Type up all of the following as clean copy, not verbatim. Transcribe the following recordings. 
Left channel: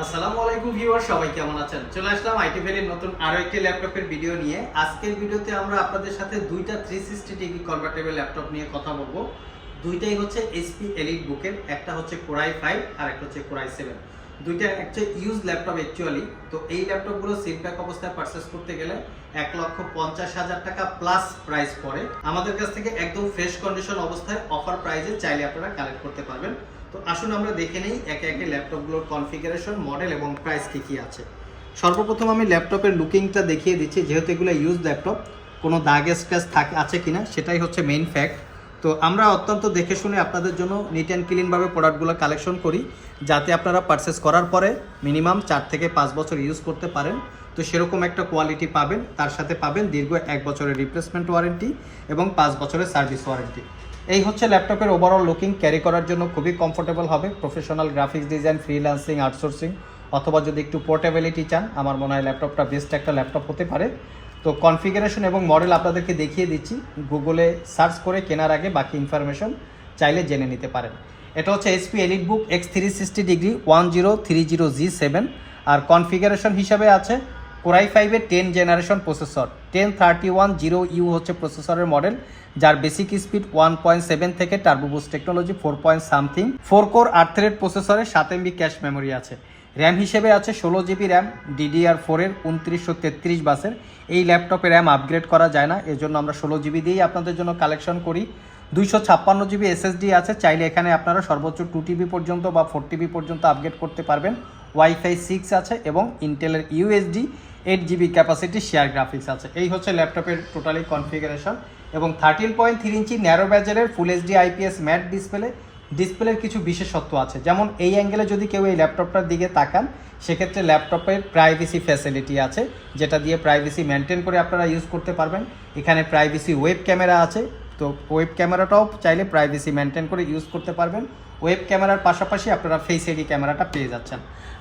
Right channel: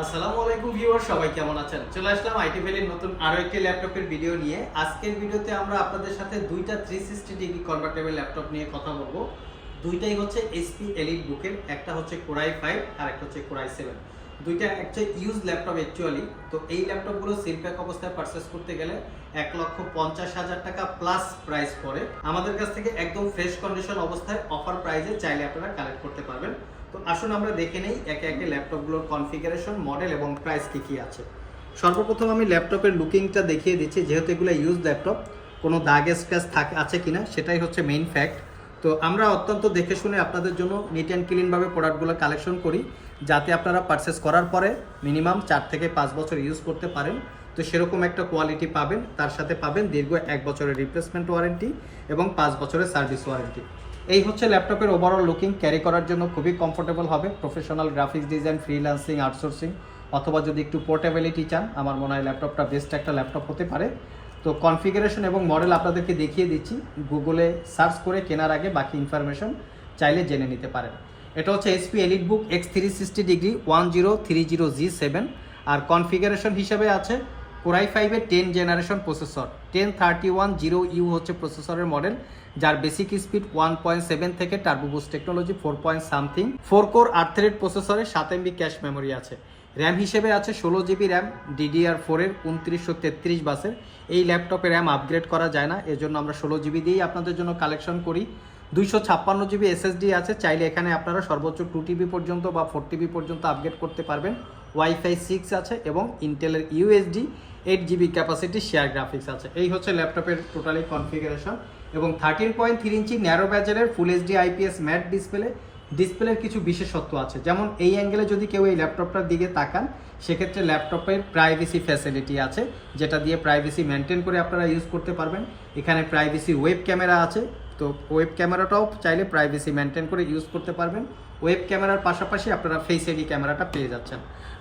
আসসালামু আলাইকুম ভিউয়ার, সবাই কেমন আছেন? চলে আসলাম আইটি ভ্যালির নতুন আরো একটি ল্যাপটপের ভিডিও নিয়ে। আজকের ভিডিওতে আমরা আপনাদের সাথে দুইটা 360 ডিগ্রি কনভার্টেবল ল্যাপটপ নিয়ে কথা বলবো। দুইটাই হচ্ছে এইচপি এলিট বুকের, একটা হচ্ছে কোরাই 5 আর একটা হচ্ছে কোরাই 7। দুইটা একটা ইউজ ল্যাপটপ অ্যাকচুয়ালি। তো এই ল্যাপটপগুলো সিল প্যাক অবস্থায় পারচেজ করতে গেলে 1,50,000 টাকা প্লাস প্রাইস পড়ে। আমাদের কাছ থেকে একদম ফ্রেশ কন্ডিশন অবস্থায় অফার প্রাইসে চাইলে আপনারা কালেক্ট করতে পারবেন। তো আসুন আমরা দেখে নেই একে একে ল্যাপটপগুলোর কনফিগারেশন, মডেল এবং প্রাইস কি আছে। সর্বপ্রথম আমি ল্যাপটপের লুকিংটা দেখিয়ে দিচ্ছি, যেহেতু এগুলো ইউজ ল্যাপটপ, কোনো দাগ স্ক্র্যাচ আছে কিনা সেটাই হচ্ছে মেইন ফ্যাক্ট। তো আমরা অত্যন্ত দেখে শুনে আপনাদের জন্য নিট অ্যান্ড ক্লিনভাবে প্রোডাক্টগুলো কালেকশন করি, যাতে আপনারা পারচেস করার পরে মিনিমাম 4 থেকে 5 বছর ইউজ করতে পারেন। তো সেরকম একটা কোয়ালিটি পাবেন, তার সাথে পাবেন দীর্ঘ 1 বছরের রিপ্লেসমেন্ট ওয়ারেন্টি এবং 5 বছরের সার্ভিস ওয়ারেন্টি। এই হচ্ছে ল্যাপটপের ওভারঅল লুকিং। ক্যারি করার জন্য খুবই কমফোর্টেবল হবে। Professional graphics design, freelancing, outsourcing অথবা যদি একটু পোর্টেবিলিটি চান, আমার মনে হয় ল্যাপটপটা বেস্ট একটা ল্যাপটপ হতে পারে। তো কনফিগারেশন এবং মডেল আপনাদেরকে দেখিয়ে দিচ্ছি। গুগলে সার্চ করে কেনার আগে বাকি ইনফরমেশন চাইলে জেনে নিতে পারেন। এটা হচ্ছে এইচপি এলিট বুক X360 ডিগ্রি 1030G7। আর কনফিগারেশন হিসাবে আছে কোরাই 5-এর 10 জেনারেশন প্রসেসর, 10310U হচ্ছে প্রসেসরের মডেল, যার বেসিক স্পিড 1.7 থেকে turbo boost technology 4 point something, 4 core 8 thread প্রসেসরে 7 MB ক্যাশ মেমোরি আছে। র্যাম হিসেবে আছে 16 GB র্যাম DDR4-এর 2933 বাসের। এই ল্যাপটপে র্যাম আপগ্রেড করা যায় না, এজন্য আমরা 16 GB দিয়েই আপনাদের জন্য কালেকশন করি। 256 GB SSD আছে, চাইলে এখানে আপনারা সর্বোচ্চ 2 TB পর্যন্ত বা 4 TB পর্যন্ত আপগ্রেড করতে পারবেন। ওয়াইফাই 6 আছে এবং ইন্টেলের USD 8 GB capacity share graphics আছে। এই হচ্ছে ল্যাপটপের টোটালি কনফিগারেশন। এবং 13.3 ইঞ্চি ন্যারো ব্যাজেলের ফুল HD IPS ম্যাট ডিসপ্লের কিছু বিশেষত্ব আছে। যেমন এই অ্যাঙ্গেলে যদি কেউ এই ল্যাপটপটার দিকে তাকান, সেক্ষেত্রে ল্যাপটপের প্রাইভেসি ফ্যাসিলিটি আছে, যেটা দিয়ে প্রাইভেসি মেনটেন করে আপনারা ইউজ করতে পারবেন। এখানে প্রাইভেসি ওয়েব ক্যামেরা আছে, তো ওয়েব ক্যামেরাটাও চাইলে প্রাইভেসি মেনটেন করে ইউজ করতে পারবেন। ওয়েব ক্যামেরার পাশাপাশি আপনারা ফেস আইডি ক্যামেরাটা পেয়ে যাচ্ছেন।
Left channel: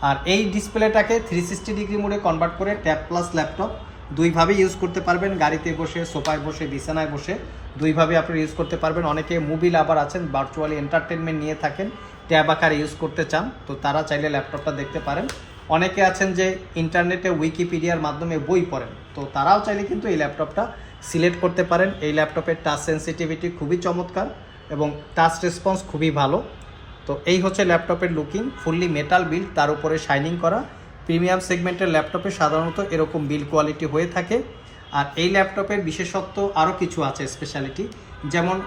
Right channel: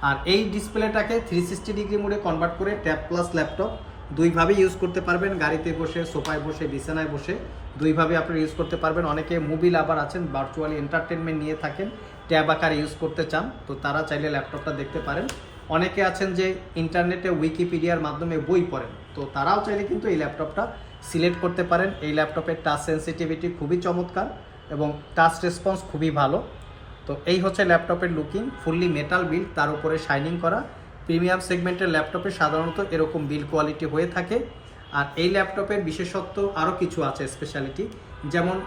আর এই ডিসপ্লেটাকে 360 ডিগ্রি মোডে কনভার্ট করে ট্যাব প্লাস ল্যাপটপ দুইভাবে ইউজ করতে পারবেন। গাড়িতে বসে, সোফায় বসে, বিছানায় বসে দুইভাবে আপনারা ইউজ করতে পারবেন। অনেকে মুভি লাভার আছেন, ভার্চুয়ালি এন্টারটেনমেন্ট নিয়ে থাকেন, ট্যাব আকারে ইউজ করতে চান, তো তারা চাইলে ল্যাপটপটা দেখতে পারেন। অনেকে আছেন যে ইন্টারনেটে উইকিপিডিয়ার মাধ্যমে বই পড়েন, তো তারাও চাইলে কিন্তু এই ল্যাপটপটা সিলেক্ট করতে পারেন। এই ল্যাপটপের টাচ সেন্সিটিভিটি খুবই চমৎকার এবং টাচ রেসপন্স খুবই ভালো। তো এই হচ্ছে ল্যাপটপের লুকিং, ফুললি মেটাল বিল্ড, তার উপরে শাইনিং করা। প্রিমিয়াম সেগমেন্টের ল্যাপটপে সাধারণত এরকম বিল্ড কোয়ালিটি হয়ে থাকে। আর এই ল্যাপটপের বিশেষত্ব আরও কিছু আছে, স্পেশালিটি, যেমন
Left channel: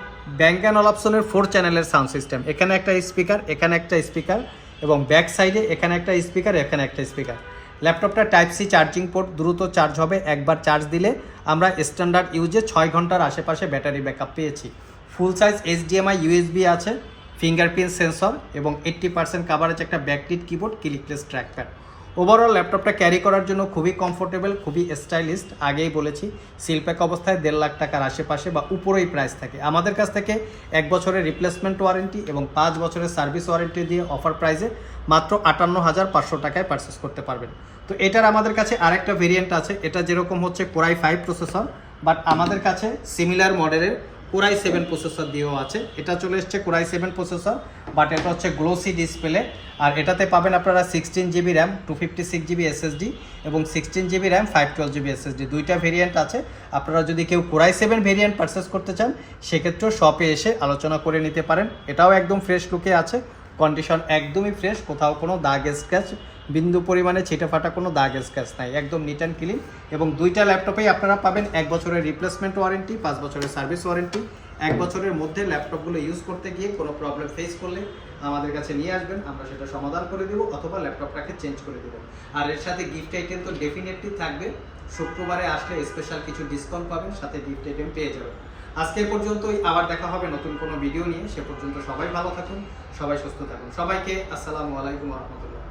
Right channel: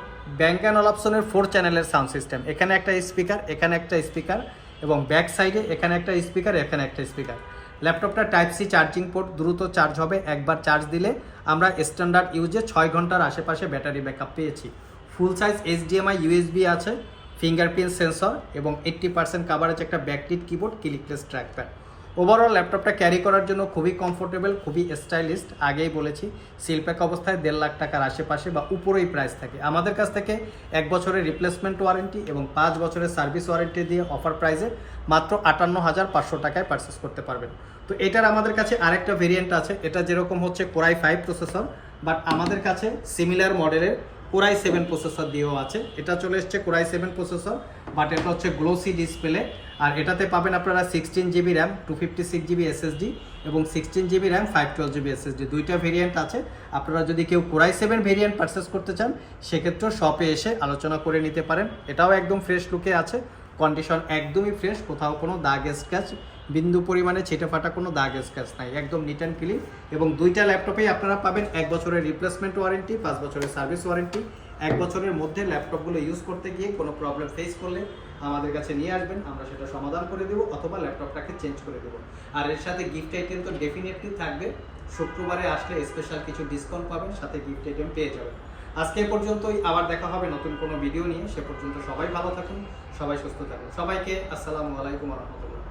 ব্যাংক অ্যান্ড অলাপসনের 4 চ্যানেলের সাউন্ড সিস্টেম। এখানে একটা স্পিকার, এখানে একটা স্পিকার এবং ব্যাক সাইডে এখানে একটা স্পিকার, এখানে একটা স্পিকার। ল্যাপটপটা টাইপ সি চার্জিং পোর্ট, দ্রুত চার্জ হবে। একবার চার্জ দিলে আমরা স্ট্যান্ডার্ড ইউজে 6 ঘন্টার আশেপাশে ব্যাটারি ব্যাকআপ পেয়েছি। ফুল সাইজ HDMI USB আছে, ফিঙ্গারপ্রিন্ট সেন্সর এবং 80% কাভারেজ একটা backlit keyboard, clickless trackpad. Overall ল্যাপটপটা ক্যারি করার জন্য খুবই কমফোর্টেবল, খুবই স্টাইলিস্ট। আগেই বলেছি, সিলপ্যাক অবস্থায় 1.5 লাখ টাকার আশেপাশে বা উপরেই প্রাইস থাকে। আমাদের কাছ থেকে 1 বছরের রিপ্লেসমেন্ট ওয়ারেন্টি এবং 5 বছরের সার্ভিস ওয়ারেন্টি দিয়ে অফার প্রাইসে মাত্র 58,500 টাকায় পারচেস করতে পারবেন। তো এটার আমাদের কাছে আরেকটা ভেরিয়েন্ট আছে, এটা যেরকম হচ্ছে কোরাই 5 প্রসেসর, বাট আমাদের কাছে সিমিলার মডেলের কোরাই 7 প্রসেসর দিয়েও আছে। এটা চলে এসছে কোরাই 7 প্রসেসর, বাট এটা হচ্ছে গ্লোসি ডিসপ্লে। আর এটাতে পাবেন আপনারা 16 GB র্যাম, 256 GB SSD এবং 16 GB র্যাম, 512 GB SSD। দুইটা ভেরিয়েন্ট আছে। আপনারা যদি কেউ কোরাই 7 ভেরিয়েন্ট পারচেস করতে চান, সেক্ষেত্রেও শপে এসে আলোচনা করে নিতে পারেন। এটাও একদম ফ্রেশ লুকে আছে, কন্ডিশন একদমই ফ্রেশ, কোথাও কোনো দাগ স্ক্র্যাচ, বিন্দু পরিমাণে ছিটে ফাটা কোনো দাগ স্ক্র্যাচ নাই, একদম নিট অ্যান্ড ক্লিন। এবং দুইটা ল্যাপটপেই আপনারা পাবেন 1 বছরের রিপ্লেসমেন্ট ওয়ারেন্টি, 5 বছরের সার্ভিস ওয়ারেন্টি। 1 বছরের মধ্যে ল্যাপটপগুলো ইউজ করতে গিয়ে কোনো প্রবলেম ফেস করলে আমাদের কাছে নিয়ে আসবেন, আমরা সেটা সমাধান করে দেবো অথবা ল্যাপটপটাকে চেঞ্জ করে দেবো। আর এর সাথে গিফট আইটেম তো ডেফিনেটলি থাকবে। শুক্রবারে আসলে স্পেশাল কিছু ডিসকাউন্ট পাবেন, সাথে গিফট আইটেম পেয়ে যাবেন। আজকে পর্যন্তই, আবার দেখা হবে নতুন কোনো ভিডিও নিয়ে। সে পর্যন্ত সবাই ভালো থাকুন, সবাই সুস্থ থাকুন। সবাইকে আসসালামু আলাইকুম রহমতুল্লাহ।